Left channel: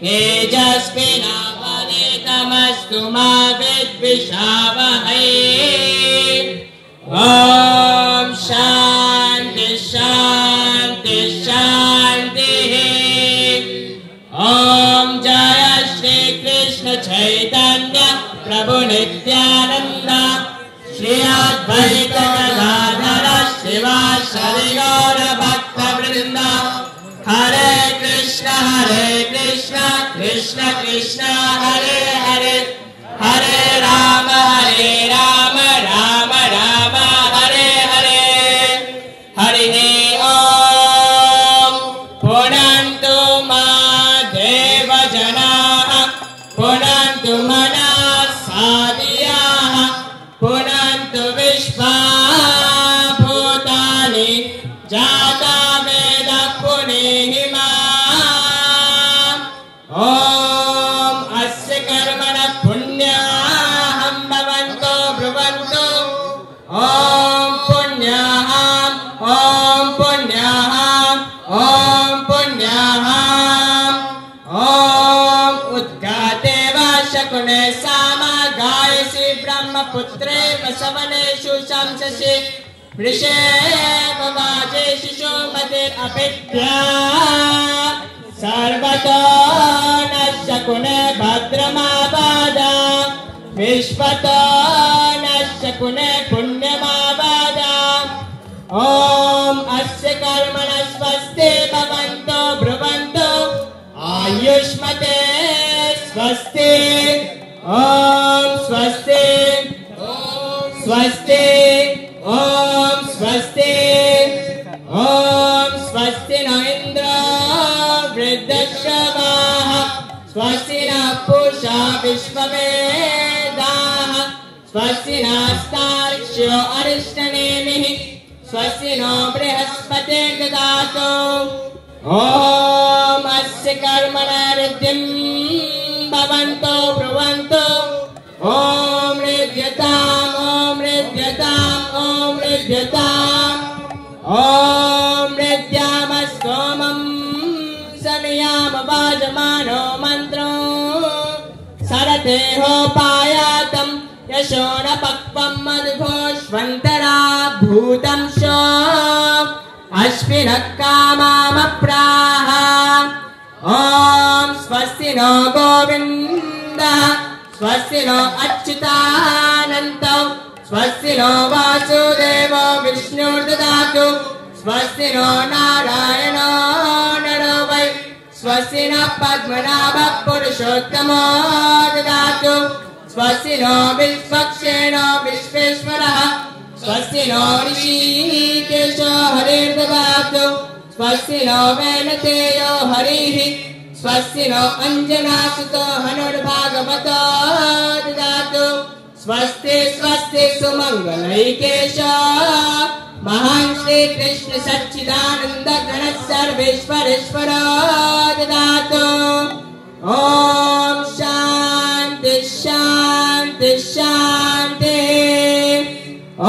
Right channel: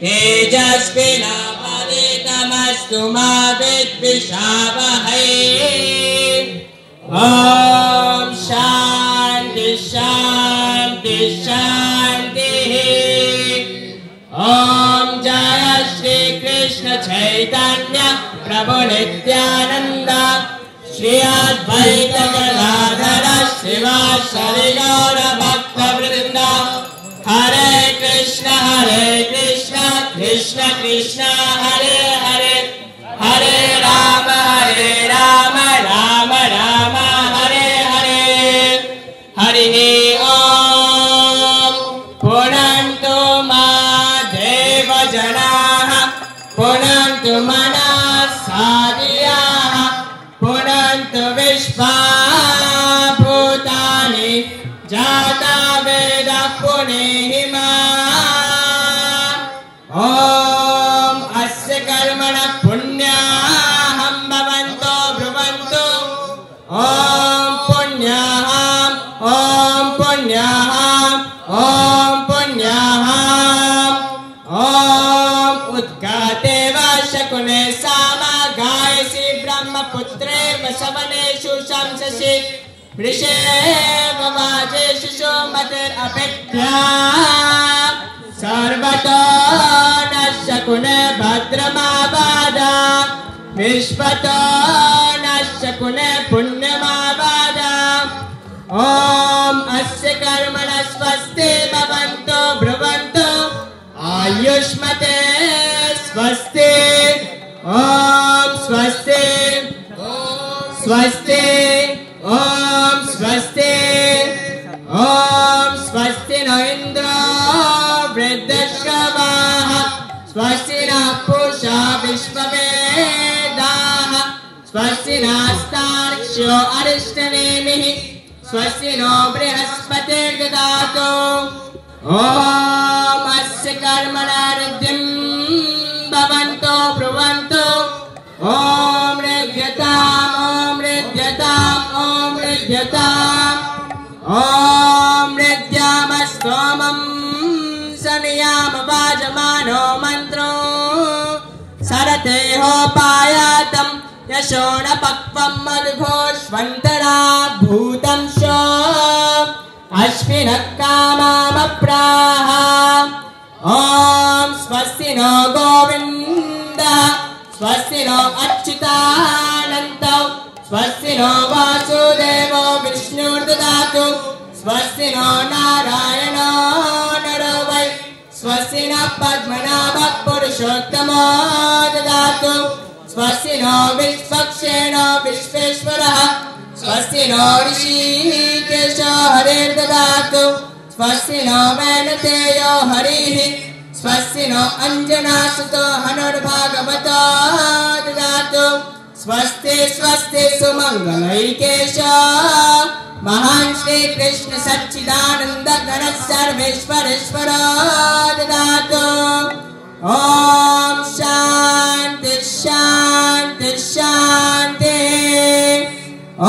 तेजस्विनावधीतमस्तु मा विद्विषावहै। ॐ शान्ति शान्ति शान्तिः। ॐ जय श्री कृष्ण चैतन्य प्रभु नित्यानंद श्री अद्वैत गदाधर श्रीवासदि गौर भक्त वृंद। हरे कृष्ण कृष्ण कृष्ण हरे हरे, हरे राम राम राम हरे हरे। हरि ओम। पुनन्तु मा देवजनाः पुनन्तु मनसादियाः पुनन्तु विश्वभूतानि जाता वेद पुनीहिमा। ॐ अस्य कर्मणः पुण्याहं भवन्तो ब्रुवन्तु। ॐ पुण्याहं ॐ पुण्याहं ॐ पुण्याहं। ॐ उत्गाते वा शकुने सामगायसि ब्रह्मपुत्रे वसवनेषु शंससि वृषे वाजेषु सुमतिरपेभ्या। सर्वतो न शकुने भद्रमावादा विश्वतो न शकुने पुण्यमावादा। ॐ अस्य कर्मणः स्वस्ति भवन्तो ब्रुवन्तु। आयुष्मते स्वस्ति। ॐ स्वस्ति स्वस्ति ॐ स्वस्ति। ॐ स्वस्ति न इन्द्रो वृद्धश्रवाः स्वस्ति न पूषा विश्ववेदाः स्वस्ति नस्तार्क्ष्यो अरिष्टनेमिः स्वस्ति नो बृहस्पतिर्दधातु। ॐ अस्य कर्मणः रिद्धिं भवन्तो ब्रुवन्तु। ॐ ऋद्यताम् ॐ ऋद्यताम् ॐ ऋद्यताम्। ॐ ऋद्यामस्तोमं सनियाम वाजमानो मन्त्रो सरतेहोपायातं यशो न पक्वं मधुघोष्वन्तरा भूतं श अश्विनः कामामप्राह। ॐ स्वस्ति नो गोविन्दः स्वस्ति नो अच्युतानन्तौ स्वस्ति नो वासुदेवो विष्णुर्दधातु। स्वस्ति नो नारायणो नरो वै स्वस्ति न पद्मनाभः पुरुषोत्तमो ददातु। स्वस्ति नो विश्वक्सेनो विश्वेश्वरः स्वस्ति नो ऋषिकेशो हरिर्ददातु। स्वस्ति नो वैनतेयो हरिः स्वस्ति नो अंजनासुतो हनुर्भागवतो ददातु। स्वस्ति स्वस्ति सुमंगलैकेशो महान् श्री कृष्ण सच्चिदानंद गण सर्वेश्वरेश्वरो ददातु। ॐ शान्ति शान्ति शान्ति। ॐ